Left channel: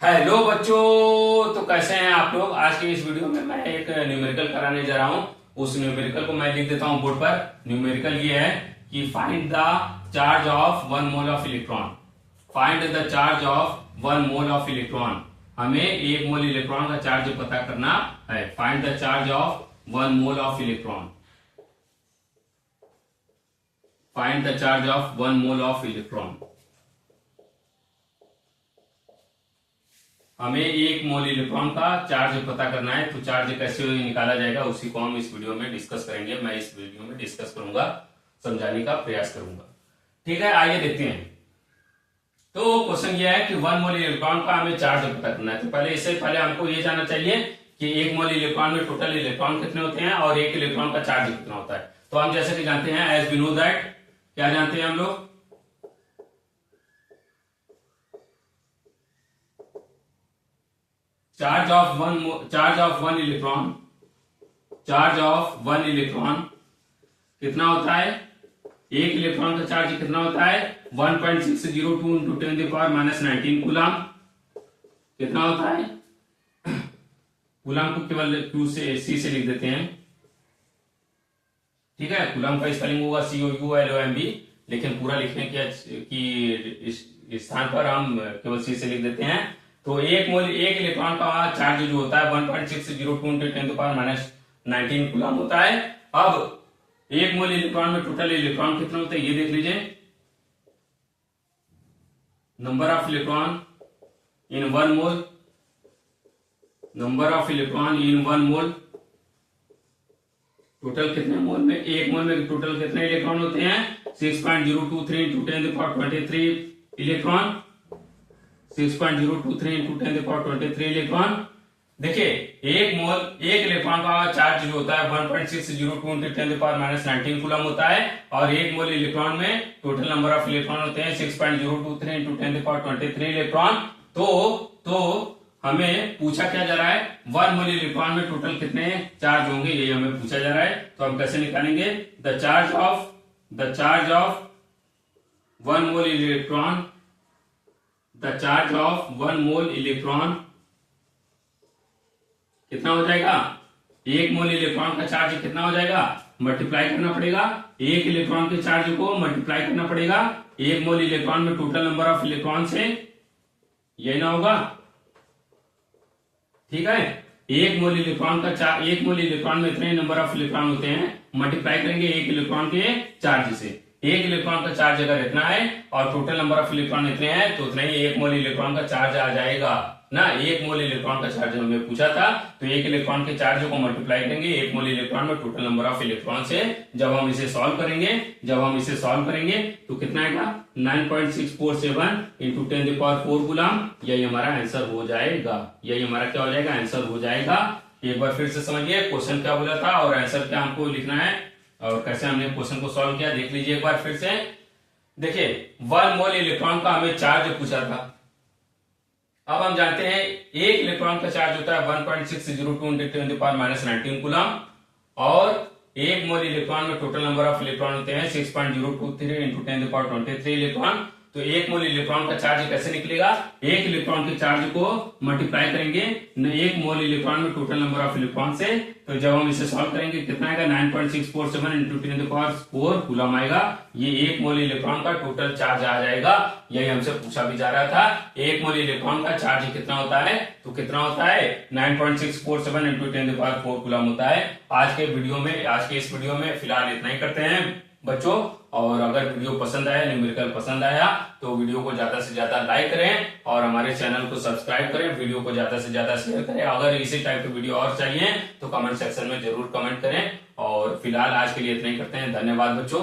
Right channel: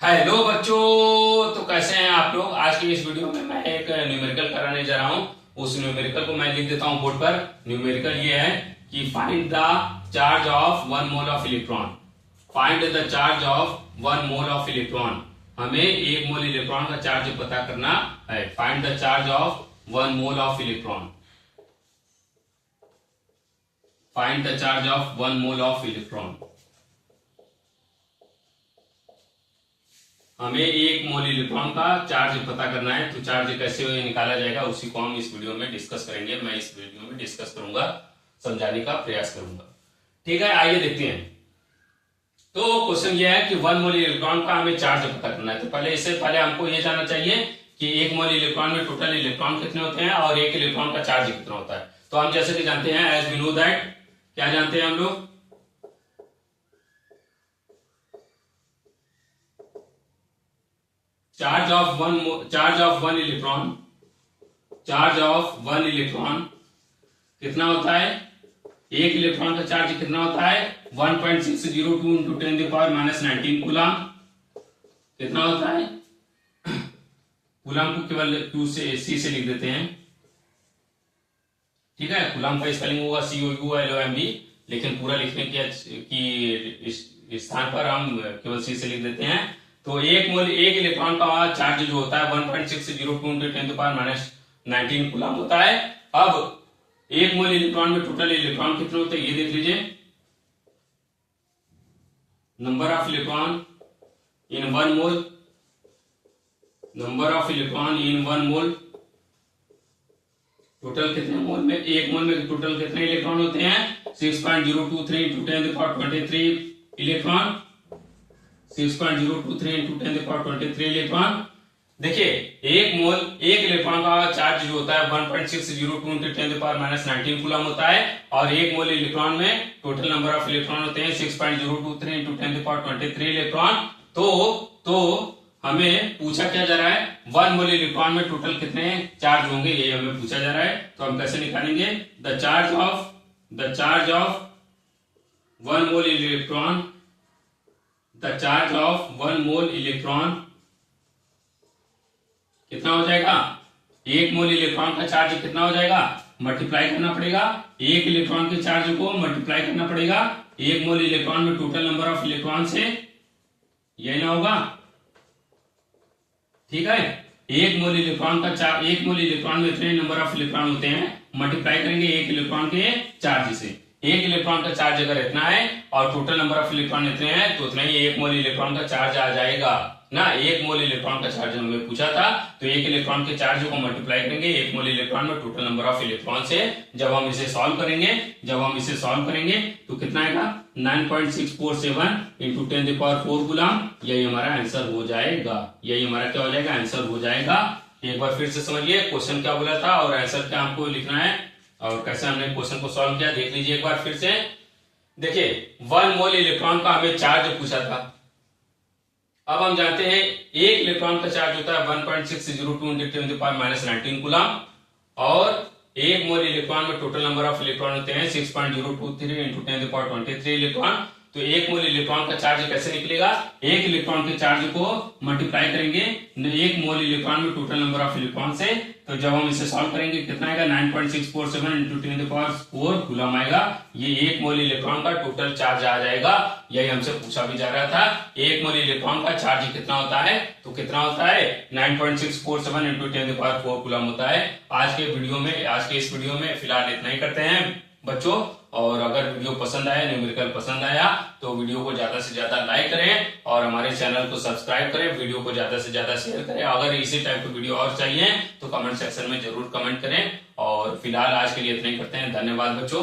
Hello बच्चों, तो कैसे हैं आप लोग। आज की इस वीडियो में मैं एक न्यूमेरिकल कराने जा रहा हूं। उस न्यूमेरिकल को मैं लिख देता हूं बोर्ड पर। न्यूमेरिकल ये है कि find the charge of 1 mole of electron. Find the charge of 1 mole of electron. हमें 1 मोल इलेक्ट्रॉन का चार्ज पता करना है। Find the charge of 1 mole of electron. Find the charge of 1 mole of electron. हमें 1 मोल electron का charge पता करना है। तो चार्ज कैसे निकाला जाएगा उसी को हम इस वीडियो में डिस्कस करेंगे। मैं इस वीडियो में डिस्कस करूंगा, समझाने का प्रयास करूंगा। ठीक है, आइए देखते हैं। तो क्वेश्चन ये है कि 1 मोल इलेक्ट्रॉन का हमें चार्ज पता करना है। तो इससे पहले हमको ये जानना चाहिए कि 1 मोल इलेक्ट्रॉन में टोटल इलेक्ट्रॉन कितने होते हैं और 1 इलेक्ट्रॉन का चार्ज कितना होता है। तो हम जैसे कि जानते हैं, एज वी नो दैट, क्या जानते हैं हम लोग, चार्ज ऑफ वन इलेक्ट्रॉन कितना होता है। 1 इलेक्ट्रॉन का चार्ज कितना होता है, 1.602 इंटू 10⁻⁻19 कूलम। कितना होता है, कूलम को केवल Q से सी से लिख देते हैं। ठीक है, कूलम का स्पेलिंग होगा COULOMB, लेकिन पूरा लिखने की स्थान पर हम केवल सी से लिख देते हैं। तो 1 इलेक्ट्रॉन का चार्ज जो होता है 1.602 इंटू 10⁻⁻19 कूलम होता है। अब 1 मोल इलेक्ट्रॉन में टोटल इलेक्ट्रॉन कितने होते हैं ये देख लीजिए। Number of electron in 1 mole, number of electron in 1 mole, total कितने मोल में, 1 मोल में टोटल कितने इलेक्ट्रॉन होते हैं, 6.023 इंटू 10⁻23 इलेक्ट्रॉन। 6.023 into 10⁻23 electron. देखिए, 1 इलेक्ट्रॉन का चार्ज जो होता है 1.602 इंटू 10⁻⁻19 कूलम होता है और 1 मोल इलेक्ट्रॉन में टोटल नंबर ऑफ इलेक्ट्रॉन होते हैं 6.023 इंटू 10⁻23 इलेक्ट्रॉन। तो हमें पूछा क्या जा रहा है, 1 मोल इलेक्ट्रॉन में टोटल कितने चार्ज होंगे, यही हमें पूछा जा रहा है। तो हम कैसे निकालेंगे, the charge of 1 mole electron, the charge of 1 mole electron कितना हो जाएगा, 1 मोल इलेक्ट्रॉन का चार्ज कितना हो जाएगा, मल्टीप्लाई करना पड़ेगा 1 इलेक्ट्रॉन के चार्ज को मल्टीप्लाई करना पड़ेगा 1 मोल इलेक्ट्रॉन में टोटल नंबर ऑफ इलेक्ट्रॉन से, यही ना होगा। ठीक है, 1 मोल इलेक्ट्रॉन में इतने नंबर ऑफ इलेक्ट्रॉन होते हैं, मल्टीप्लाई करेंगे 1 इलेक्ट्रॉन के चार्ज से। 1 इलेक्ट्रॉन का चार्ज अगर इतना है और टोटल नंबर ऑफ इलेक्ट्रॉन इतने हैं तो उतना ही 1 मोल इलेक्ट्रॉन का चार्ज आ जाएगा ना। 1 मोल इलेक्ट्रॉन का चार्ज हमें पूछा था, तो 1 इलेक्ट्रॉन के चार्ज को मल्टीप्लाई करेंगे 1 मोल इलेक्ट्रॉन में टोटल नंबर ऑफ इलेक्ट्रॉन से। जब हम इसे सॉल्व करेंगे तो कितना आएगा, 9.647 इंटू 10⁴ कूलम। यही हमारा आंसर हो जाएगा। यही हमारा क्या हो जाएगा, आंसर हो जाएगा। एक बार फिर से समझिए क्वेश्चन क्या बोला था और आंसर क्या हमको लिखना है और कैसे हमने क्वेश्चन को सॉल्व किया, देख लीजिए एक बार फिर से। देखिए, 1 मोल इलेक्ट्रॉन का हमें चार्ज पूछा था। अब हम जानते हैं 1 इलेक्ट्रॉन का चार्ज होता है 1.602 इंटू 10⁻⁻19 कूलम और 1 मोल इलेक्ट्रॉन में टोटल नंबर ऑफ इलेक्ट्रॉन होते हैं 6.023 इंटू 10⁻23 इलेक्ट्रॉन। तो 1 मोल इलेक्ट्रॉन का चार्ज कैसे निकलेगा, 1 इलेक्ट्रॉन के चार्ज को मल्टीप्लाई करेंगे 1 मोल इलेक्ट्रॉन में टोटल नंबर ऑफ इलेक्ट्रॉन से। तो जब हम इसे सॉल्व करेंगे कितना आएगा, 9.647 इंटू 10⁴ कूलम आएगा। ये 1 मोल इलेक्ट्रॉन का टोटल चार्ज आ जाएगा। यही हमसे पूछा भी जा रहा था, 1 मोल इलेक्ट्रॉन का चार्ज कितना होता है, तो कितना होता है 9.647 इंटू 10⁴ कूलम होता है। आज के इस वीडियो में फिलहाल इतना ही करते हैं बच्चों। और अगर वीडियो पसंद आया, न्यूमेरिकल पसंद आया, तो वीडियो को ज्यादा से ज्यादा लाइक करें और हमारे चैनल को सब्सक्राइब करें। वीडियो को ज्यादा से ज्यादा शेयर करें। अगर इसी टाइप की वीडियो और चाहिए तो कमेंट सेक्शन में जरूर कमेंट करें। और फिलहाल आज के लिए इतना ही करते हैं। धन्यवाद बच्चों।